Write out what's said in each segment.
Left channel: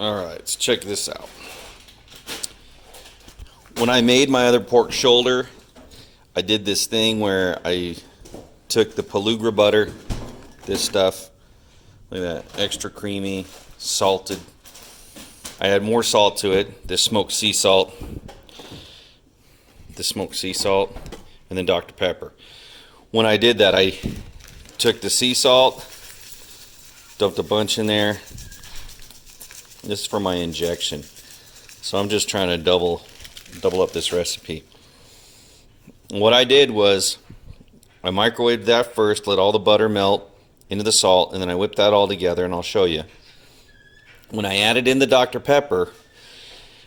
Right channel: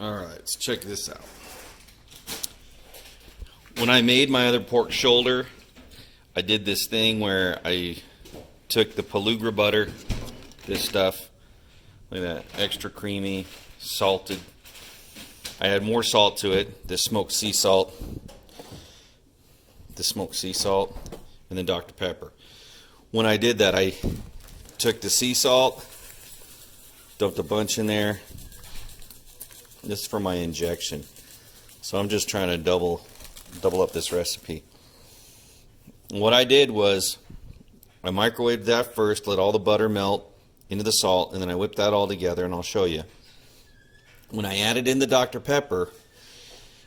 Alright, let's check this out. When I made my other pork shoulder, I did this thing where I took the Pelugra butter, this stuff, look at that, extra creamy, salted. I add more salt to it, this smoked sea salt, and then Dr. Pepper. When I did that, I took the sea salt, dumped a bunch in there. This is for my injection. So I'm just trying to double up this recipe. What I did was I microwaved that first, let all the butter melt into the salt, and then I whipped that all together, and I'll show you. When I added in the Dr. Pepper,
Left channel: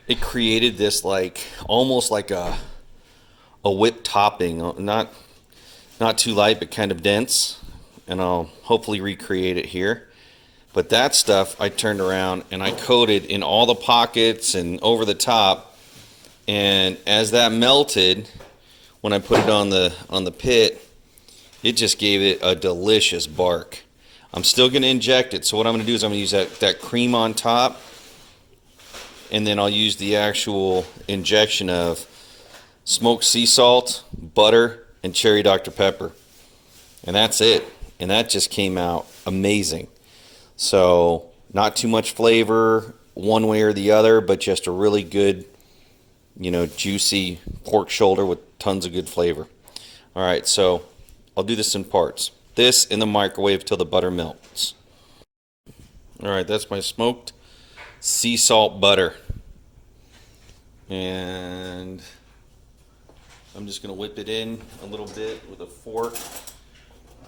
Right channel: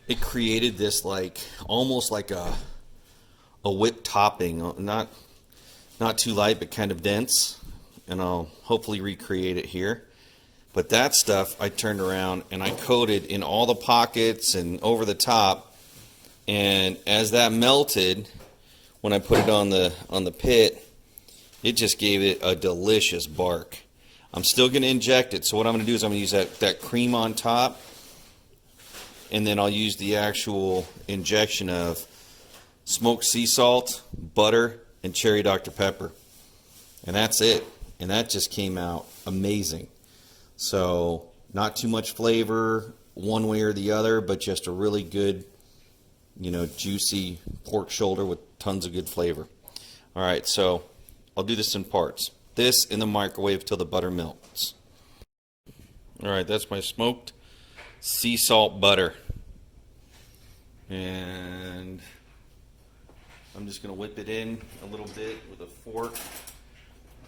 it created this like almost like a whipped topping, not too light but kind of dense, and I'll hopefully recreate it here. But that stuff I turned around and I coated in all the pockets and over the top, and as that melted, when I put it on the pit, it just gave it a delicious bark. I'm still going to inject it, so what I'm going to do is I'm going to use that cream on top, and then I'll use the actual injection of smoked sea salt, butter, and cherry Dr. Pepper. And that's it. And that just came out amazing. So, not too much flavor one way or the other, but just a really good, juicy pork shoulder with tons of good flavor. All right, so I'll do this in parts. This in the microwave till the butter melts. All right, that's my smoked sea salt butter. And I'm just going to whip it in a little bit with a fork.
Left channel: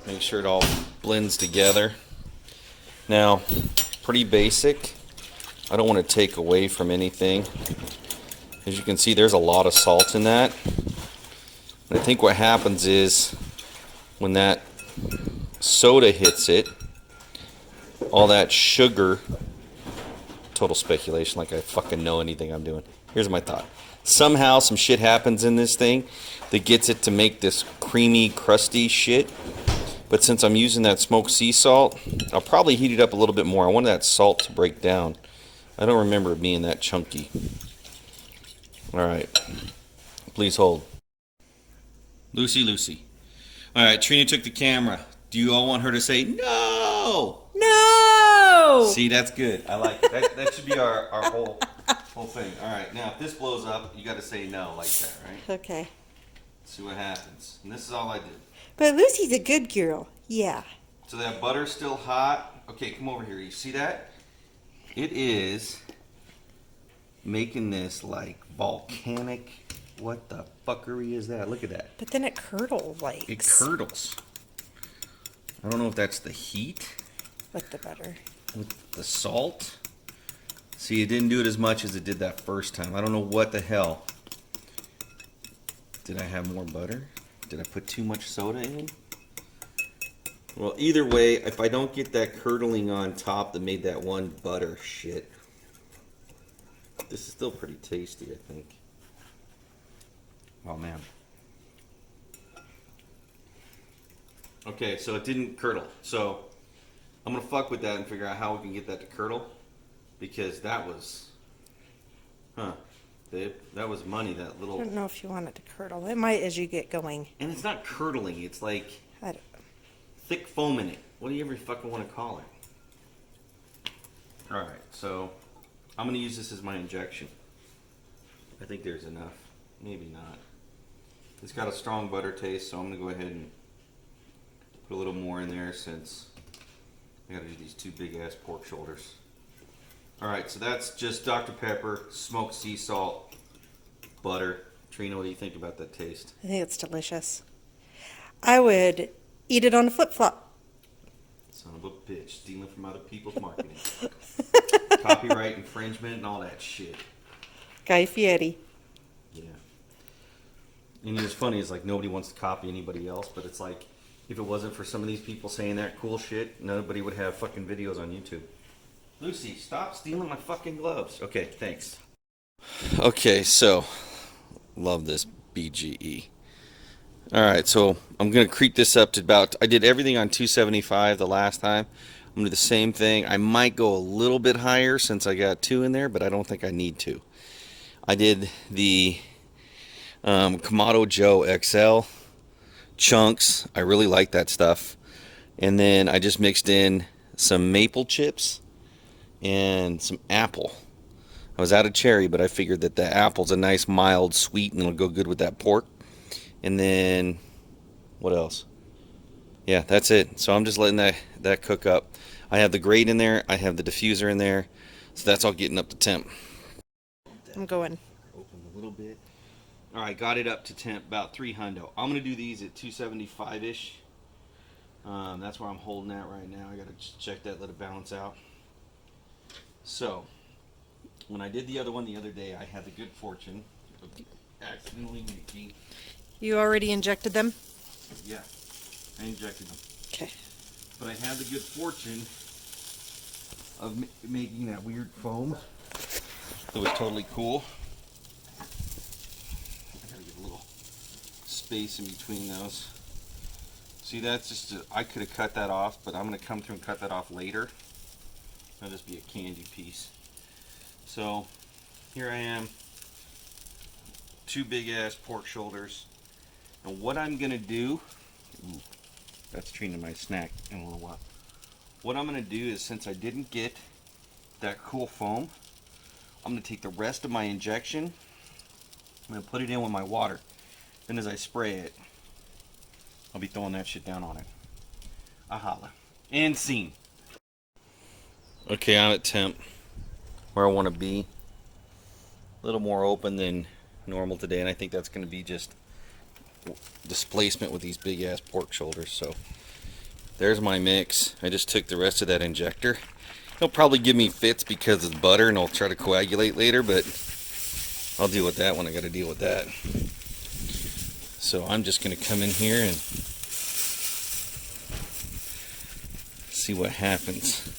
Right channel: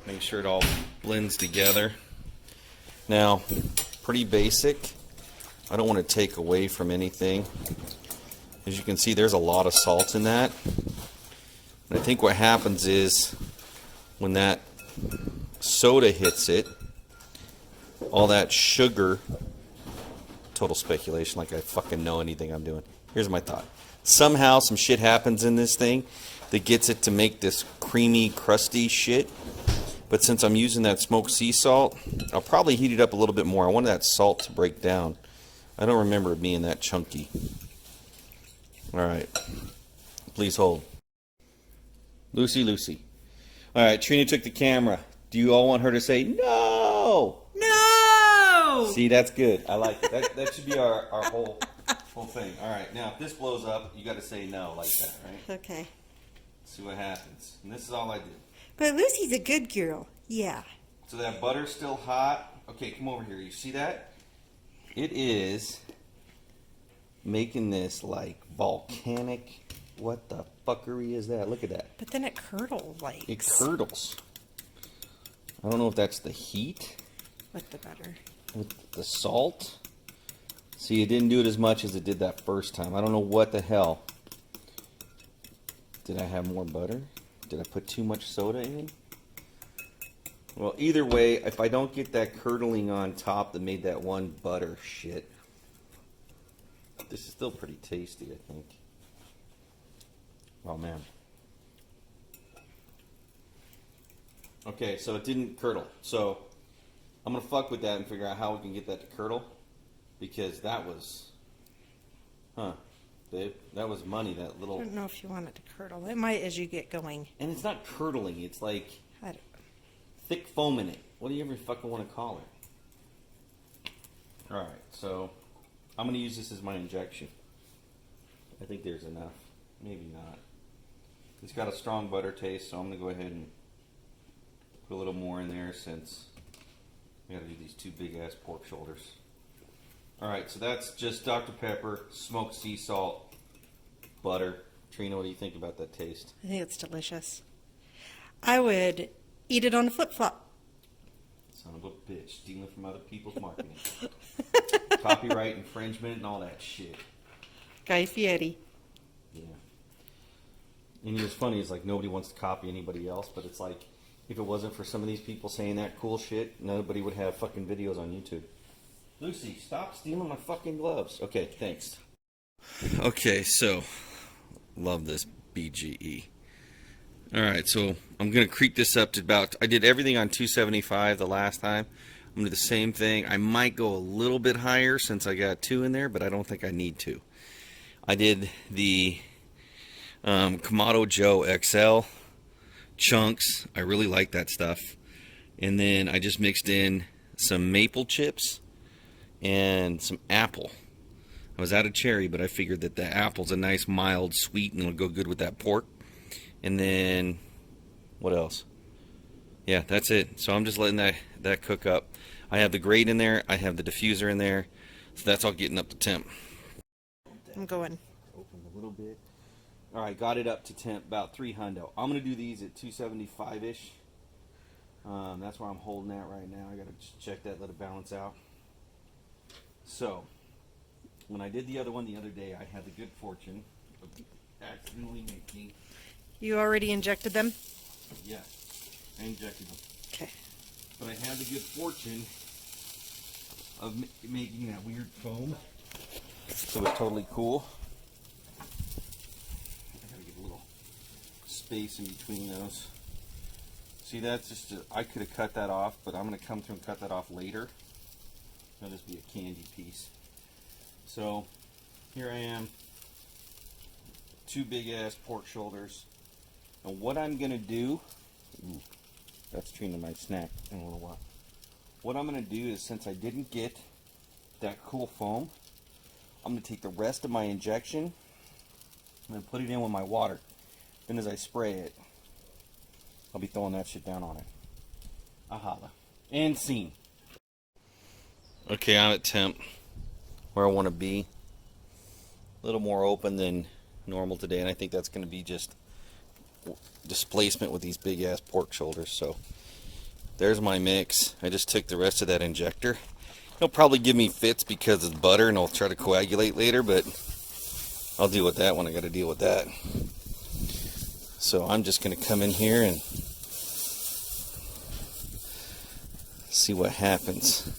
Make sure it all blends together. Now, pretty basic. I don't want to take away from anything. As you can see, there's a lot of salt in that. And I think what happens is when that soda hits it, all that sugar, total speculation like I fucking know anything I'm doing. Here's my thought. Somehow some shit happens in this thing that gets it to make this creamy, crusty shit. But since I'm using that smoked sea salt, I'll probably heat it up a little bit more. I want that salt to break down. I don't remember it being that chunky. Alright. Please hold. Lucy. Alright, Trina took the camera. Do you all want her to say no? No! See, that's good. I like it. That should be our whole thing. Alright, now if this blows up, you got to say no like that, right? Okay. See what happens. And this is all I did. But Lucy's a good girl. Yeah. So that butter's still hot. Okay, come over here. You see that? It is making this like volcanic. What the fuckery is that? Look at that. But then it curdles like. It curdles. I don't know if that's the heat. With the butter. With the salt. See, it didn't do it as much as it did that first time. I don't know what the hell. Did I have more butter? Did I put too much soda in? Well, either way, if I don't get that curdling on top that made that one butter shit, this is still pretty tasty, I think. Oh, man. Okay, so it didn't curdle. So I'm going to fuck with that and figure out how we can get that to curdle. Because that was... Babe, that was money, that little... I don't know if you want it to curdle. It might as you get going. And it's not curdling, it's like I don't... thick foam in it. What do you ever fucking want to call it? Alright, so I'm going to use this as my injection. I think there's enough. Maybe not. It's got a strong butter taste, so I'm going to go ahead and put a little more in there since I got to do these two big ass pork shoulders. Alright, so that's just Dr. Pepper, smoked sea salt, butter. Trina, what do you think about that taste? I think it's delicious. I would eat it on a flip-flop. Son of a bitch, stealing from other people's marketing. Copyright infringement and all that shit. Guy Fieri. Yeah. And it's funny, it's like nobody wants to copy anybody else, but it's like, if it wasn't for some of these people saying that cool shit, nobody would have fucking videos on YouTube. Lucy, stop stealing my fucking gloves. Okay, thanks. Okay, so, love this BGE. Alright, so I'm going to creep this up to about, I did everything on 275 the last time. I'm gonna do the same thing. I might go a little bit higher since I got 2 in there, but I don't think I need to. I did the Kamado Joe XL chunks. I really like that stuff. And then I just mixed in some maple chips and some apple. I was out of cherry, but I figured that the apple's a nice mild sweet and it'll go good with that pork. And then what else? Yeah, that's it. So I'm just letting that cook up. I have the grate in there, I have the diffuser in there, so that's all getting up to temp. I'm going. Open a little bit. All right, got it up to temp, about 300. I'm gonna do these at 275-ish. That's where I'm holding at right now. I gotta check that, let it balance out. So, when I did the other one the other day, I had the good fortune of accidentally making. You already injected them? Yeah, I injected them. Okay. But I had the good fortune of making that weird foam. So it's totally cool. I gotta get a little space in between those. See, that's just, I could have cut that off, but I'm gonna come through and cut that off later. That'll just be a candy piece. So, here I am. 2 big ass pork shoulders. And what I'm gonna do, ooh, that's treating my snack in a little while. What I'm gonna do is, since I didn't get that cool foam, I'm gonna take the rest of my injection, I'm gonna put it in with my water. Then as I spray it, I'll be throwing that shit down on it. A holla. And scene. Okay, I'm at temp, where I wanna be. A little more open than normal today, and I think that's gonna be just displacement with these big ass pork shoulders. So there's my mix. I just took the rest of that injector. It'll probably give me fits because it's butter and I'll try to coagulate later, but I'll deal with that when I got to deal with that. So I'm just going to come in here and see what happens.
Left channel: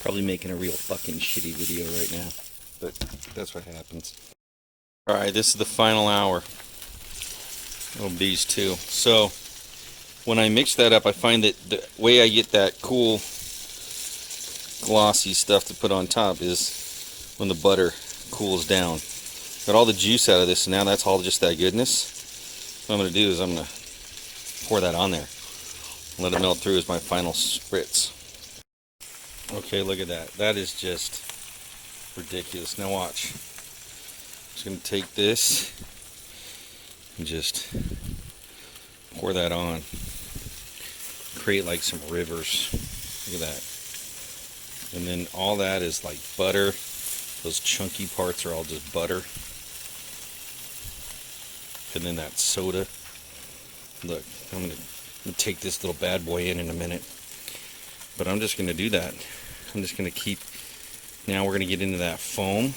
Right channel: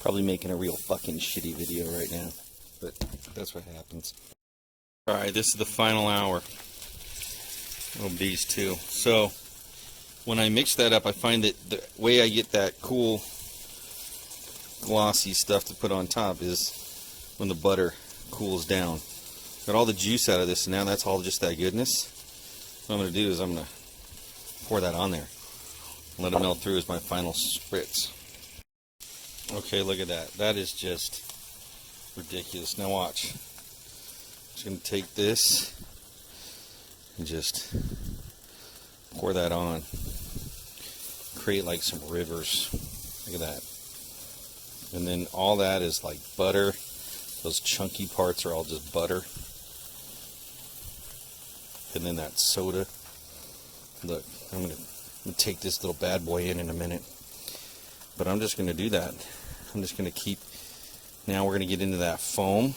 Probably making a real fucking shitty video right now, but that's what happens. Alright, this is the final hour of these two. So, when I mix that up, I find that the way I get that cool, glossy stuff to put on top is when the butter cools down. Got all the juice out of this, and now that's all just that goodness. What I'm going to do is I'm going to pour that on there. Let it melt through as my final spritz. Okay, look at that. That is just ridiculous. Now watch. I'm just going to take this and just pour that on. Create like some rivers. Look at that. And then all that is like butter. Those chunky parts are all just butter. And then that soda. Look, I'm going to take this little bad boy in a minute. But I'm just going to do that. I'm just going to keep... Now we're going to get into that foam.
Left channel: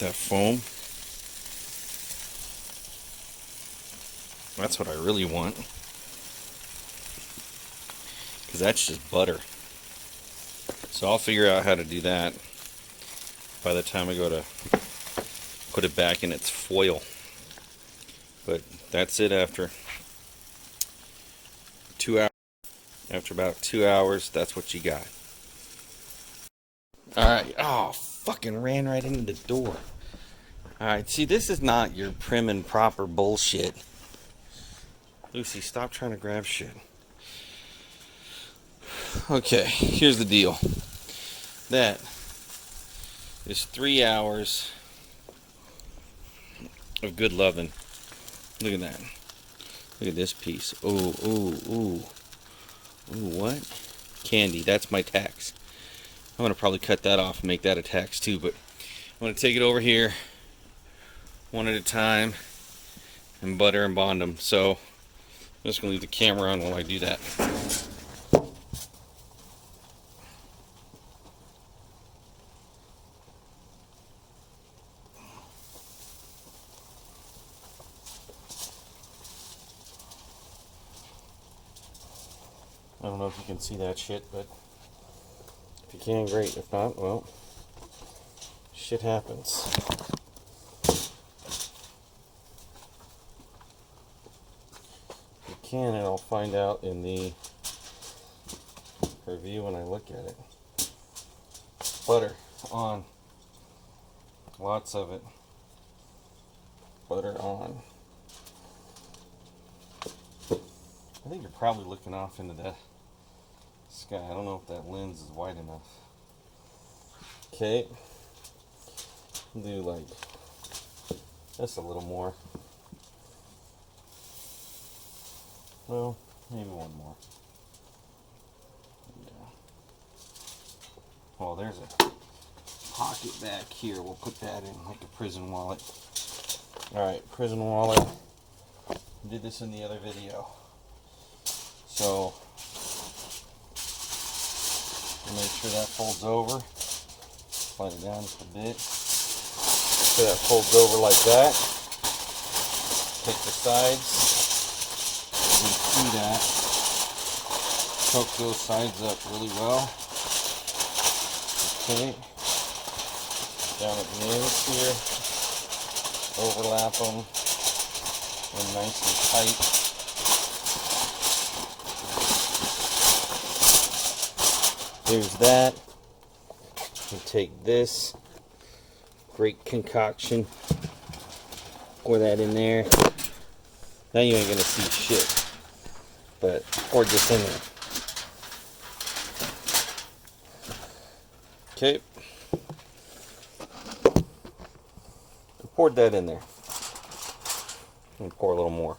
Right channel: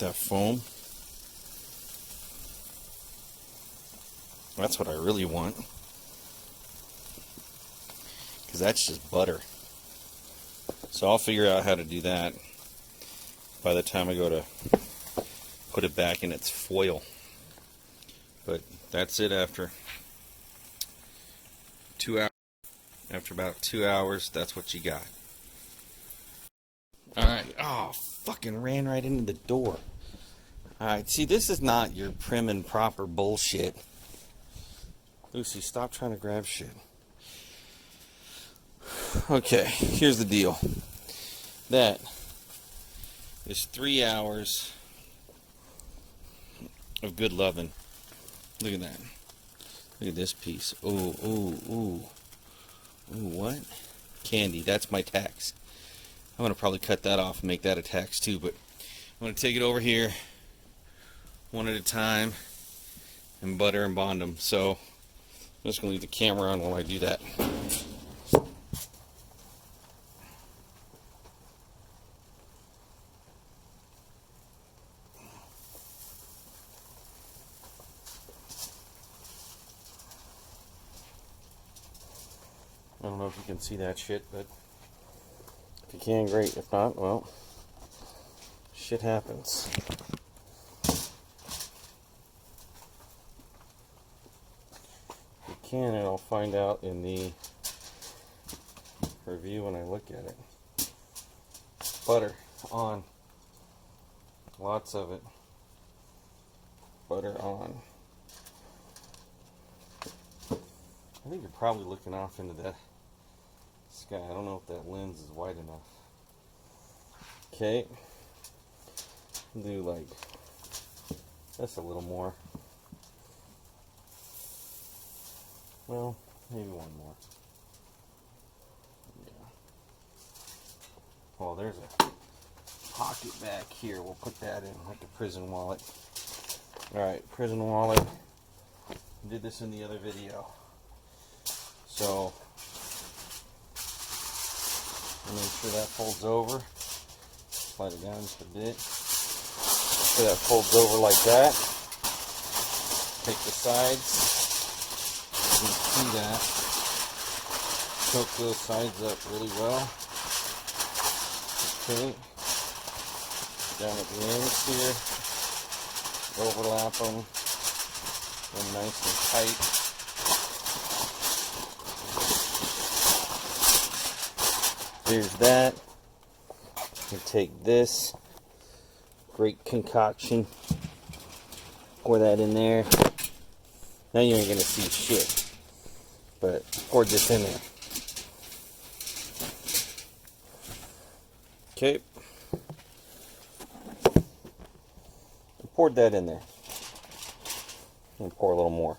That foam. That's what I really want. Because that's just butter. So I'll figure out how to do that by the time I go to put it back in its foil. But that's it after 2 hours. After about 2 hours, that's what you got. Alright. Oh, fucking ran right into the door. Alright, see, this is not your prim and proper bullshit. Lucy, stop trying to grab shit. Okay, here's the deal. That is 3 hours of good loving. Look at that. Look at this piece. Ooh, ooh, ooh. Ooh, what? Candy. That's my tax. I'm going to probably cut that off and make that a tax too, but I'm going to take it over here one at a time and butter and bond them. So I'm just going to leave the camera on while I do that. I don't know if you can see that shit, but if you can, great. If not, well, shit happens. can, and I'll find out in the review when I look at it. Butter on. Lots of it. Butter on. I think you're probably looking off into the sky. I don't know if that lens is wide enough. Okay. Do like just a little more. Well, maybe one more. Yeah. Well, there's a pocket back here. We'll put that in like a prison wallet. Alright, prison wallet. Did this in the other video. So, make sure that folds over. Slide it down just a bit. So that folds over like that. Take the sides. You can see that. Choke those sides up really well. Okay. Down at the ends here. Overlap them. And nice and tight. There's that. You take this great concoction, pour that in there. Now you ain't gonna see shit, but pour this in there. Okay. I poured that in there. I'm gonna pour a little more.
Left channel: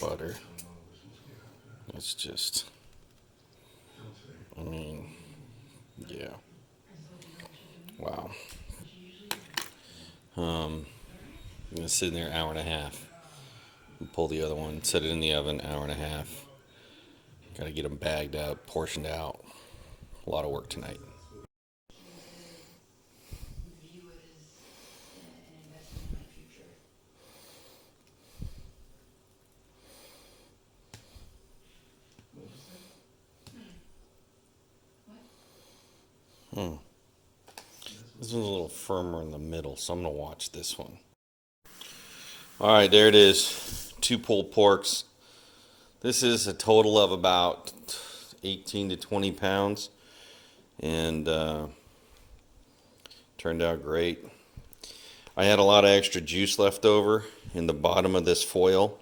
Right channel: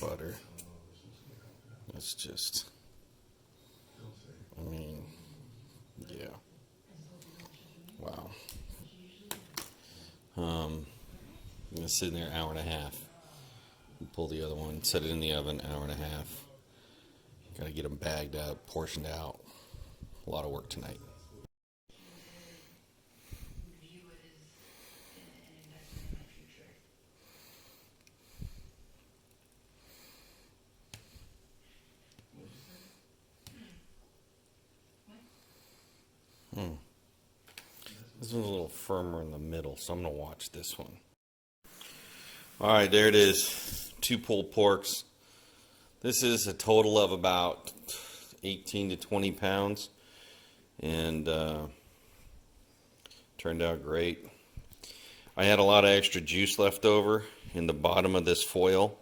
Butter. It's just, I mean, yeah. Wow. I'm gonna sit in there an hour and a half. Pull the other one, set it in the oven, hour and a half. Gotta get them bagged up, portioned out. A lot of work tonight. This one's a little firmer in the middle, so I'm going to watch this one. Alright, there it is. 2 pulled porks. This is a total of about 18 to 20 pounds. And turned out great. I had a lot of extra juice left over in the bottom of this foil.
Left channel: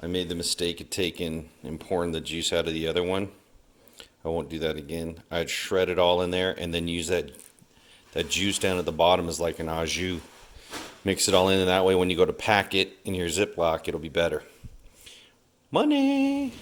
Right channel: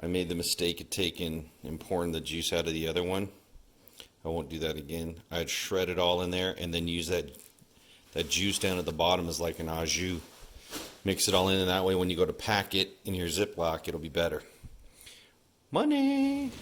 I made the mistake of taking and pouring the juice out of the other one. I won't do that again. I'd shred it all in there and then use that juice down at the bottom as like an au jus. Mix it all in, and that way when you go to pack it in your Ziploc, it'll be better. Money!